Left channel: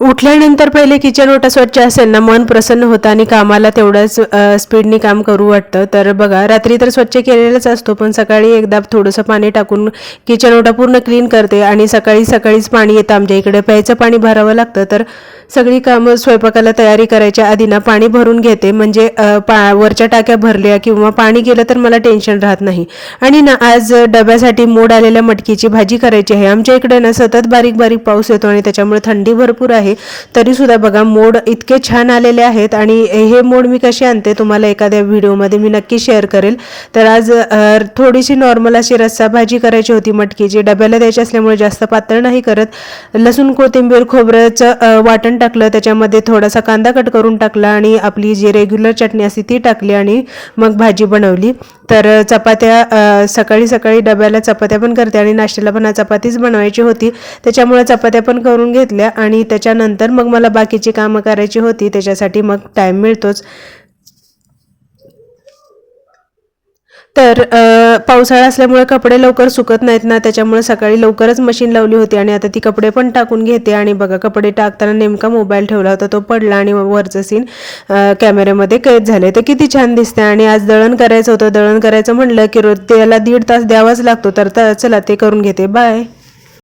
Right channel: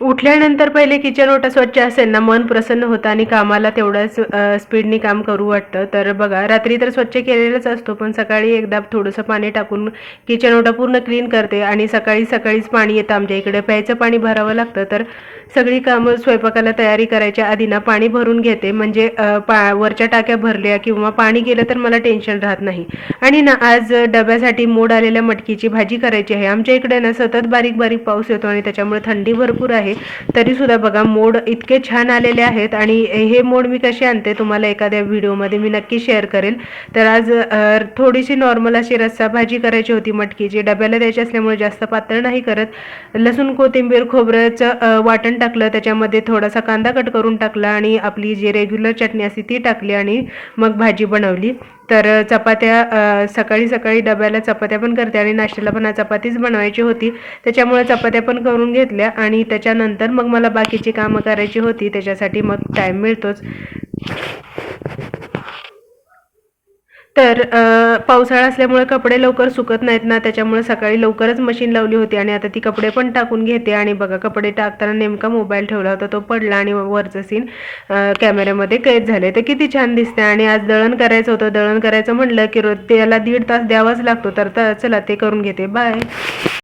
उठल्यानंतर पहिले किचन ओटा स्वच्छ असेल ना, मन प्रसन्न होतं आणि कामाला तेवढ्याच स्पीडनी काम करू वाटतं. तर बघा, रात्री तर स्वच्छ केलेलाच असतो, पण सकाळी एकदा थोडंसं पाणी टाकून किचन ओटा पूर्ण क्लीन करते आणि सकाळीच पाणी येतं आमच्या इकडे. प्यायचं पाणी भरावं लागतं, तर सगळी कामं स्वयंपाकाला तयारी करायच्या आधी ना पाणी भरून घेते. म्हणजे वरच्या टाक्या भरल्या किंवा पाणी गेलं तर मला टेन्शन राहत नाही. आणि ना आज डब्यासाठी मोड आलेल्या मटकीची भाजी करायची आहे. आमच्या इकडे ना सतत बारीक बारीक पाऊस येतो आणि त्याच्यामुळे थंडी भरपूर आहे. तरी सुद्धा बघा, मोड इतके छान आलेले आहेत. आणि हे मोड मी कसे आणते तुम्हाला एखाद्या व्हिडिओमध्ये मी नक्की शेअर करेल. तर आज थोडीशी नॉर्मल अशी रस्सा भाजी करायची होती मटकीची. डब्याला द्यायची असल्यामुळे जास्त पातळ नाही करत. लसूण कोथिंबीर खोबऱ्याचं वाटण टाकलं, त्याच्यामध्ये थोडासा कांदा कट करून टाकला आणि आपली जी रेग्युलर चटणी असते ती टाकली आणि मग भाजी बनवली. तर चपात्या सकाळी सकाळी डब्याला चपात्या पण करते आणि नाश्त्याला पण चपातीच बनवायची होती, त्याच्यामुळे चपात्या पण करून घेतल्या. आणि त्याच्यानंतर मग मला बाकीची कामं करायची होती, त्याच्यासाठी मग टाईम मिळतोच. तर पावसाळा असल्यामुळे कपडे लवकर सुकत नाहीत ना, त्याच्यामुळे सकाळी लवकरच मशीन लावली होती आणि आता ती कपडे पण टाकून घेते. आणि बघा, कपडे टाकताना नेमका मोबाईल ठेवला होता, तो पडला आणि वरचं सीन कॅमेऱ्यामध्ये कैद झाले. तर किती छान दिसते. आणि आज दळण करायचं होतं. दळण करायचं म्हणलं की रोज त्याला 1.5 तास द्यावाच लागतो. तर चला ते करून घेते. बाय.